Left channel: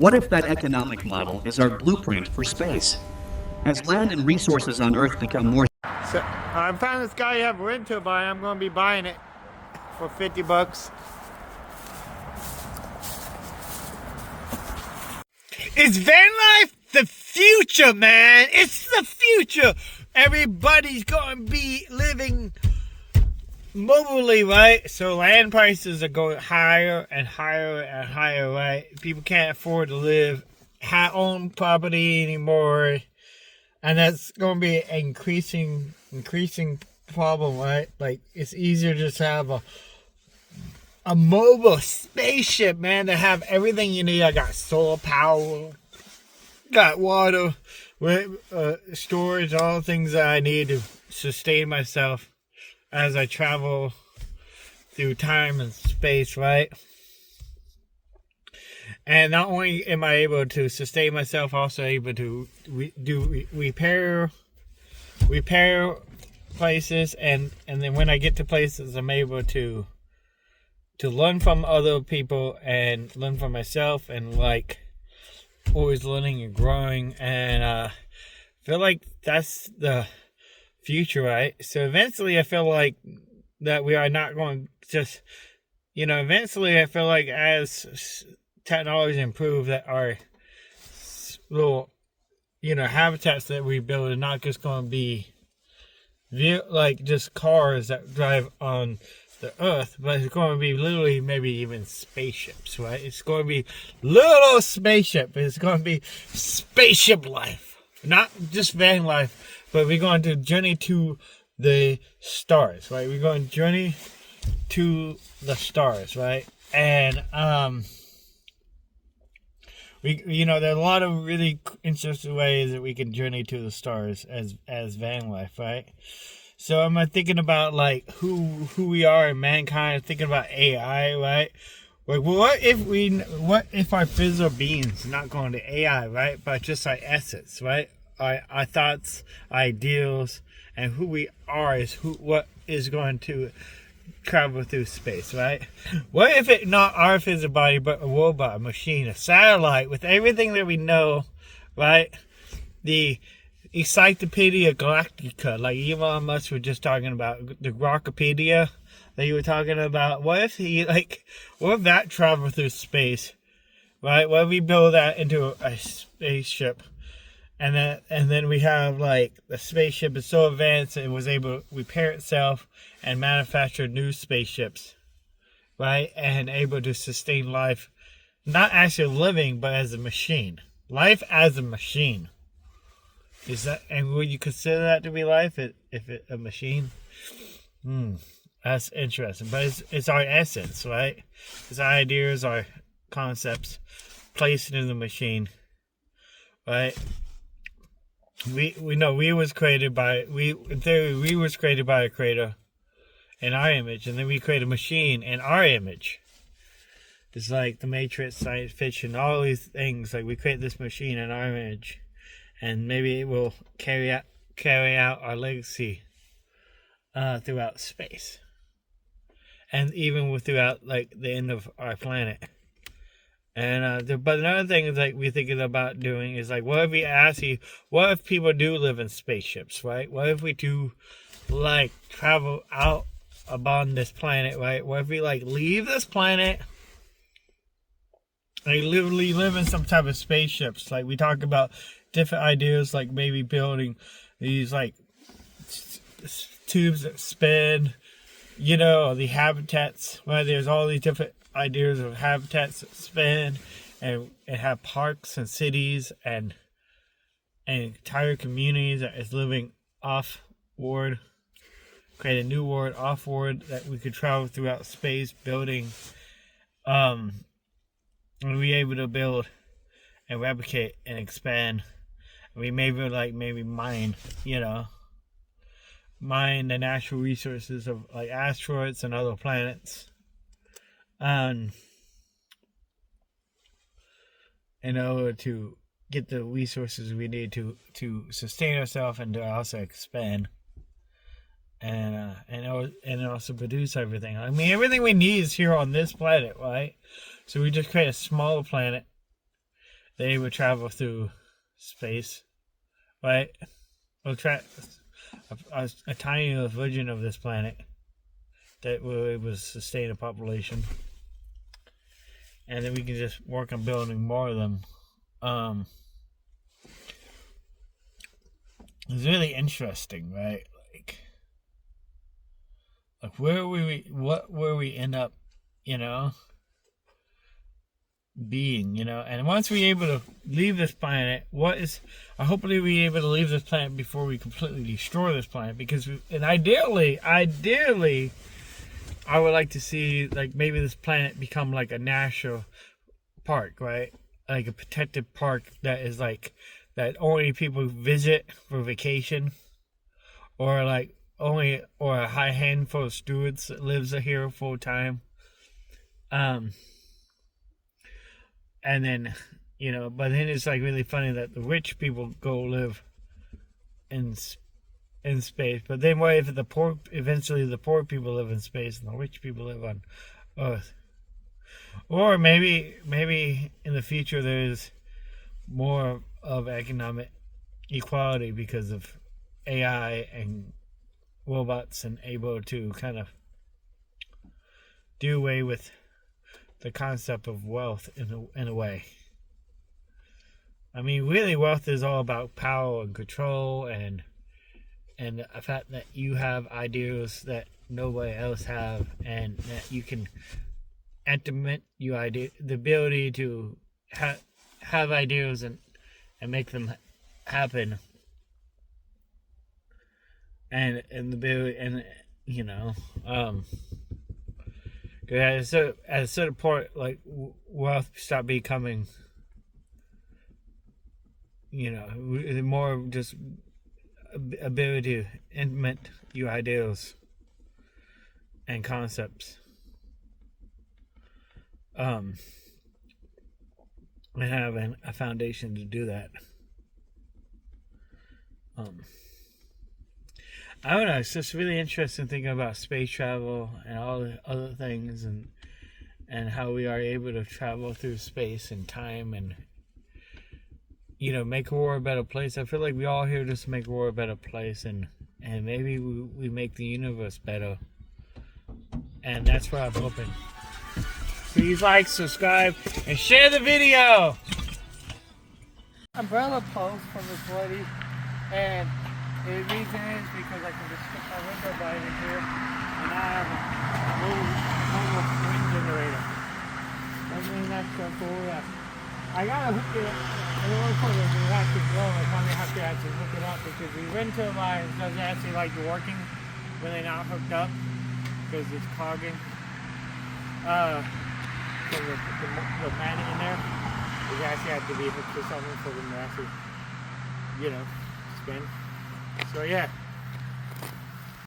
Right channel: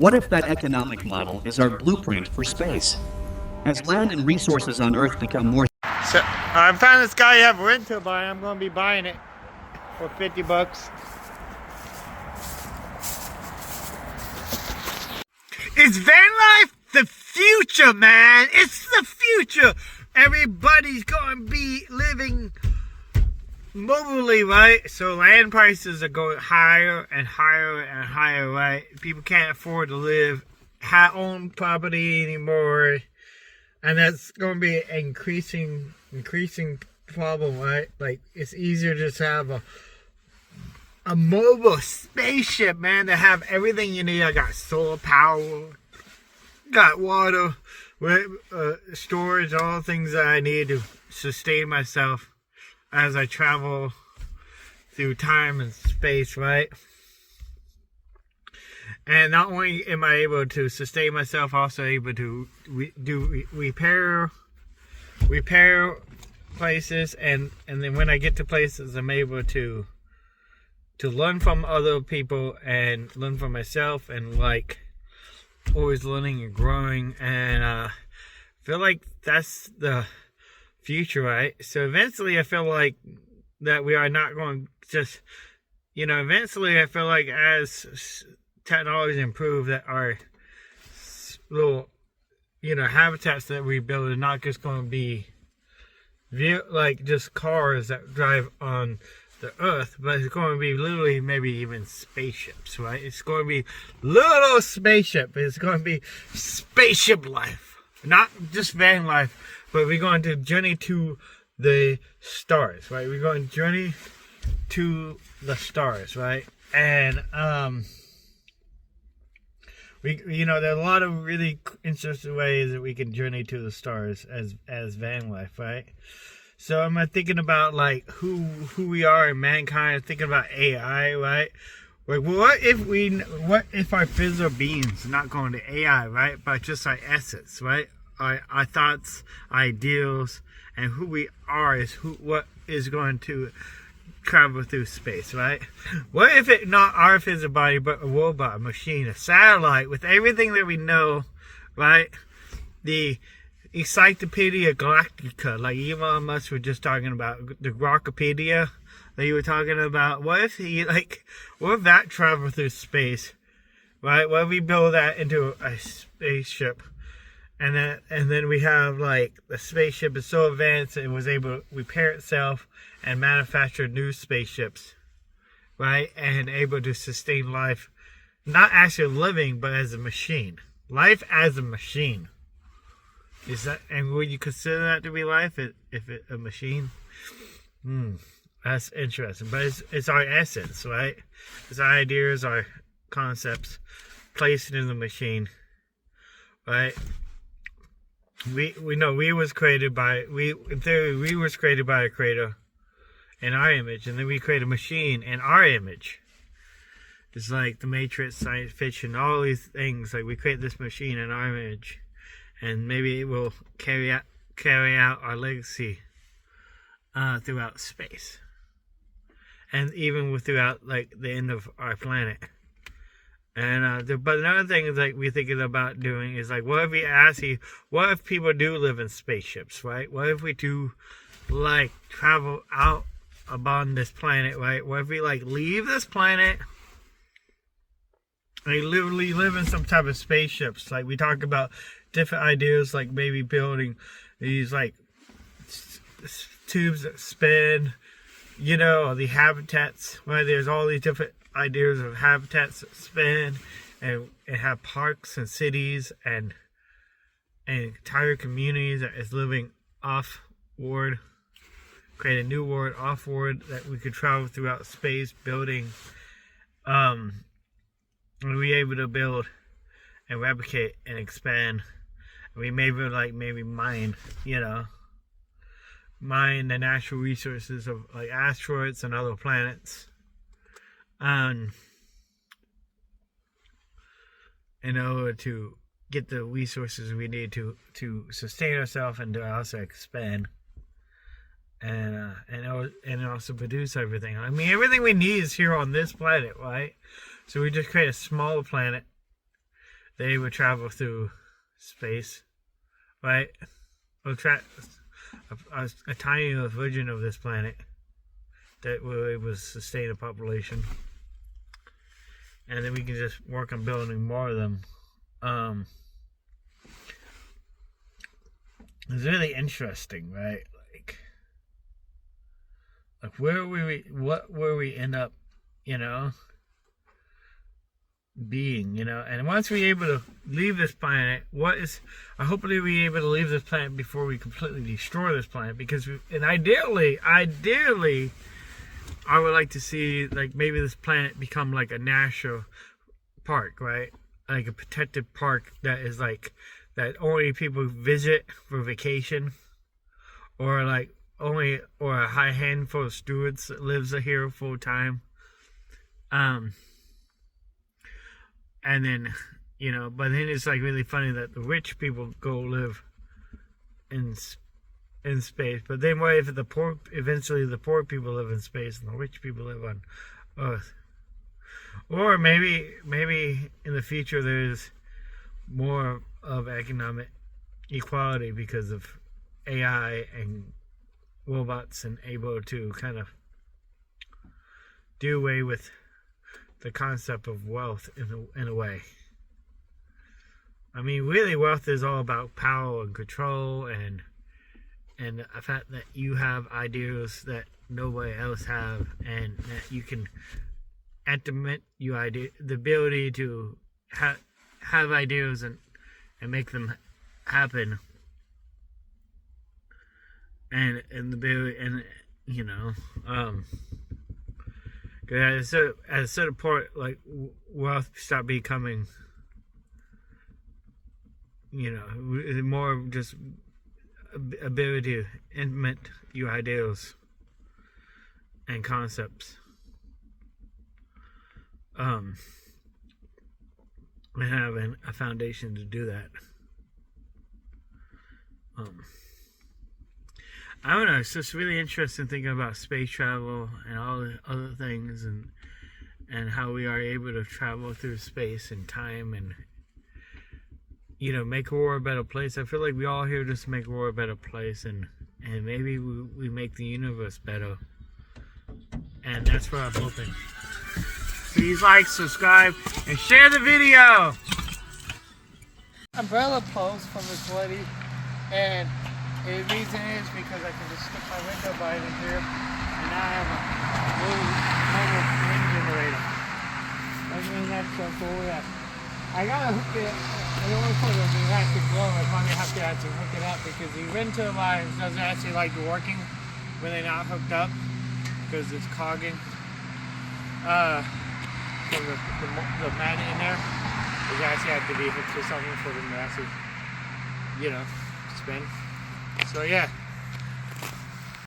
What if that economic model is our blueprint for space? As land and resources on Earth become more... So I found this guy you have rent to buy. I'm going to be buying it for 50 bucks. Is van life the future, man? It's the future. Everybody's going to be living mobilely, right? So land prices are going higher and higher and higher, right? People can't afford to live, own property anymore. And that's going to be an increasing problem, right? Like, it's easier to just have a mobile spaceship, man, to have everything you need. I got solar power, got water, storage, all the things that I need to sustain myself as I travel through time and space, right? And not only am I able to sustain myself, also able to repair places, and then when I get to places, I'm able to learn from other people and learn from myself, and like always learning and growing. And I feel like that's the future, right? So eventually I feel like that we are not going to just, eventually I feel like as technology improve, that our little, habitats that we build are not just going to be like just cars that drive on the Earth, but it's going to be literally maybe even spaceships, right? It's going to be little spaceship. It's going to be spaceship life, not just van life, but we're going to journey to the stars, right? We're going to journey to the stars, right? And there are a lot of really interesting ways that we can journey to the stars as van life, right? So I'm thinking about like who we are in mankind. Thinking about AI, right? Like, what if our physical beings are not going to AI, right? But just our essence, right? Our thoughts, ideals, and who we are is what is going to travel through space, right? What if it not our physical body, but a robot, a machine, a satellite with everything that we know, right? The Encyclopedia Galactica, like Elon Musk was just talking about, the Grokpedia that you were talking about. What if that traveled through space, right? What if we build that into a spaceship, and then we have like the spaceship is so advanced it was able to repair itself and manufacture new spaceships, right? And able to sustain life, not actually living, but as a machine. Life as a machine. Is that, and would you consider that to be life if it a machine? That's interesting. But it's our essence, right? It's our ideas, our concepts placed in the machine, right? We know we was created by in theory we was created by a creator in our image, and then we create a machine in our image. It's like the Matrix, science fiction, all these things. Like, we create this machine in our image, and maybe it will carry out our legacy throughout space, and even throughout like the end of our planet. And but another thing is, like, we're thinking about doing is like, what if people do live in spaceships, right? What if we do like travel out upon this planet, right? What if we like leave this planet and literally live in some type of spaceships? Like, we talk about different ideas, like maybe building these like tubes that spin, the habitats, right? There's all these different ideas of habitats that spin and have parks and cities and entire communities that is living off-world, create a new world off-world that we could travel throughout space building, and be able to build and replicate and expand. We maybe mine the natural resources of like asteroids and other planets, in order to get the resources we need to sustain ourselves and to also expand, and also produce everything. I mean, everything we need is here on this planet, right? So we just create a smaller planet they would travel through space, right? A tiny little version of this planet that will able to sustain a population, and then we can just work on building more of them. It's really interesting, right? Like where we end up, being, and once we're able to leave this planet, hopefully we're able to leave this planet before we completely destroy this planet, and ideally, I would like to see, like, maybe this planet become like a national park, right? Like a protected park that only people visit for vacation, or a high handful of stewards that lives here full time. And then, but then it's like really funny that the rich people go live in space. But then what if eventually the poor people live in space and the rich people live on Earth? Or maybe in the future there's more of economic equality because of AI and robots, and able to kind of do away with the concept of wealth in a way. I mean, really, wealth is all about power and control, and the fact that you have ideas that nobody else have, and that you can implement the ability to have ideas and make them happen, and the ability, and at a certain point, like, wealth stop becoming, more just ability to implement your ideals and concepts, and have a foundation to do that. I don't know, it's just really interesting thinking about space travel and all the other things, and how we are able to travel through space and time, and make the world a better place. I feel like we all here just make the world a better place, and maybe we make the universe better. And that's what I'm hoping. Please like, subscribe, and share the video! Umbrella post from this lady, and the reason is because I can just stick my window by in here, and I have a mobile wind generator. I mean, that's so cool, yeah. I gotta hook it, in order for it to actually blow, I probably have to actually hook it up, because the wind turbines doesn't actually like working when they're not hooked up, because it's clogging. So the magnet in there is actually have to be hooked to something for them to actually, spin. So yeah.